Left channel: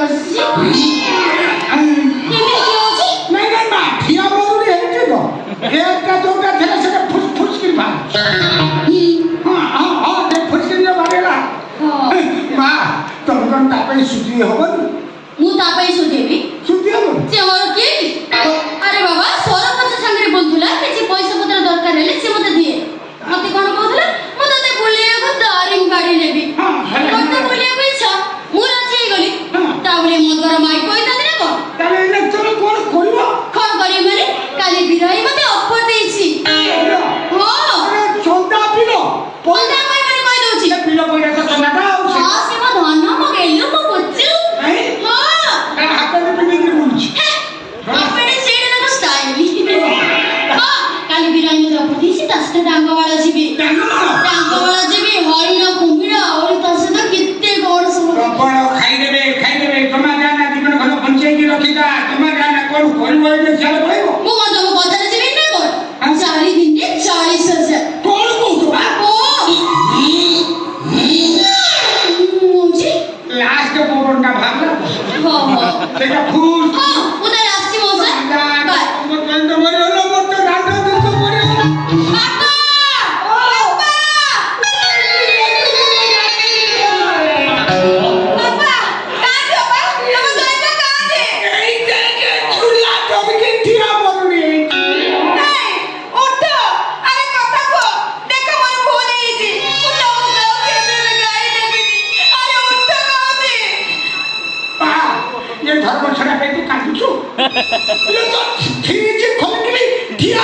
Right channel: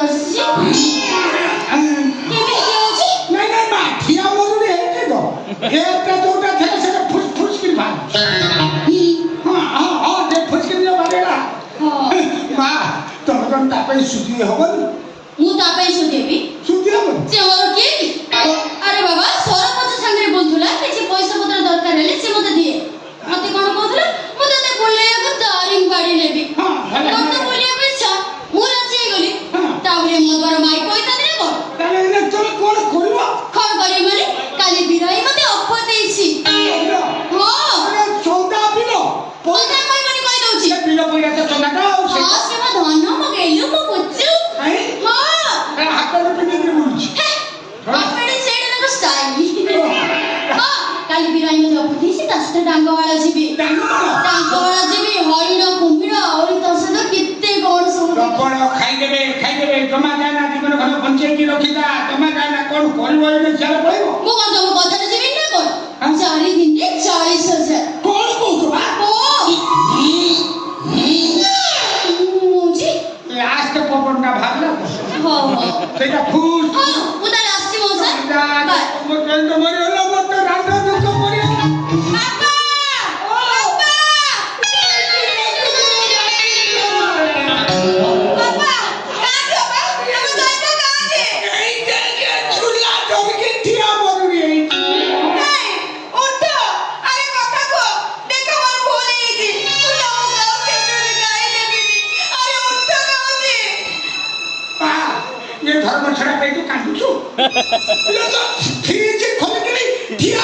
ବସିଛି ନାଇଁ ନାଇଁ ମାଠିଆ ମରୁଡ଼ି ହେଇଛି ତ ଏଟା ଯୋଉଟା ଥିଲା ସେଟା ଫୁସକିରି ବାହାରି ହଁ ଫୁସକିରି ବାହାରିଲା ମା ତମେ କଣ ତା ପାଇଁ ସୁଧି ହବନି ମୁଁ ତା ପାଇଁ ସୁଧେବି ସୁଧି ହବନି ସେ ମୋର କିଏ ଆରେ ବାବା ସରପଞ୍ଚ ସାଙ୍ଗରେ ବୁଲୁଥିଲା କିଛି ପଇସା ପତ୍ର ଦରକାର ହେଲେ ସେ ମତେ ଦିଏ ମତେ କଣ କହୁଥିଲା ମୁଁ ତତେ ବୁଲେଇବାକୁ ଦାରିଙ୍ଗବାଡି ନେବି ମତେ ବୁଲେଇବାକୁ ଇଚ୍ଛା ମୁଁ ରାଜି ହେଇଗଲି ତାପରେ ମୋ ଦ୍ୱାରା ମାଇକ କହିଥାନ୍ତି ନା କଣ ତାହେଲେ ଏଇନା ତମେ କଣ କରିବ କଣ କରିବି ମାନେ କାଲି ବିରାଇ ମତେ ଅଫର ଦେଇଛି ଚନ୍ଦା ପିଲ ପଇସା କହିବନି କହିଦଉଛି ପିଲ ପଇସା ତ ଚନ୍ଦାଟା ଆଉ ହଁ ସେ ମୋ ଧନ ମୋ ଗେଲୁ ମୋ ବୁଚୁ ହାତରେ ପିନ୍ଧିକି ବୁଲୁଛି ଆପଣ ସେଇଟା ତାଙ୍କ ଷ୍ଟାଇଲ କାଲି ବିରାଇ ମତେ ଅଫର ଦେଇଛି ତା ସହିତ ଡାଙ୍ଗବାଳ ଯିବି ଡାଙ୍ଗବାଳ ଯିବି ହରିଣ କୁମ୍ଭୀର ଆହୁରି ତା ସହିତ କେତେ କଣ ସବୁ ପ୍ରବଳ ଖାଇଦେବେ ଜମା ଯାନା ଜୀବନ ଘର ବଞ୍ଚେଇକି ରଖିଥା ଜମା ଯାନା କଣ କରିବ ଏଇନେ ଚାଲ ପଳେଇବ ମୁଁ କଣ ତମ କଥାରେ ଯିବି ନା କଣ 4 ଦିନରେ 40,000 କଣ କହୁଛ ବା ଲାଷ୍ଟ ପବନଟା ଭାବଲା ସେଇଟା ଫୁଲ ମୁଁ ତାହେଲେ ଆସିଛି ମୋ ସାର୍ ଧର୍ମ ଛଡା ପାଇଁ ତୁ କାନ୍ଦୁଛୁ ଠିକ ଖୋଲିକିରି ଠିଆ